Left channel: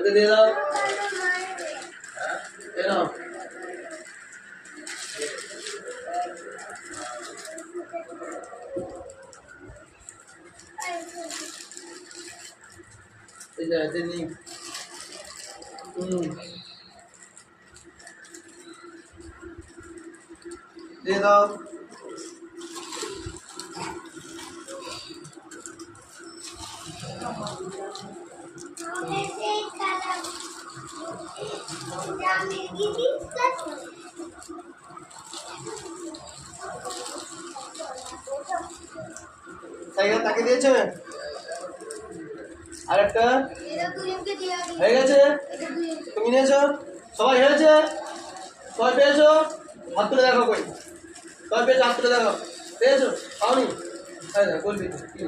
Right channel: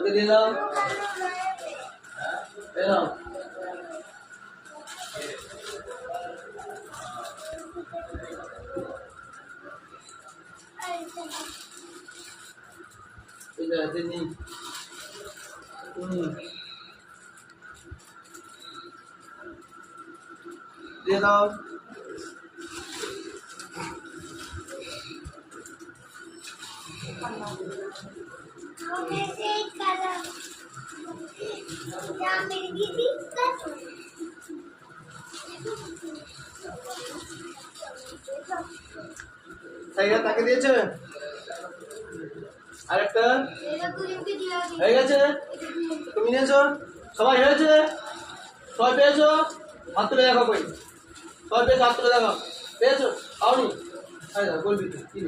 ওকে দিয়ে দাও। এই নাও। এই যে চিনি। দিয়ে দাও। তাকে দিয়েছে আরেকটা হয়ে গেছে। তুমি নিয়েছো? সবাই হয়েছে? সবাই পেয়েছো? হাত তুলে দেখো কই। সবাই পেয়েছো? হাত তুলে দেখো। পেয়েছো? পাওনি? বলবি কি?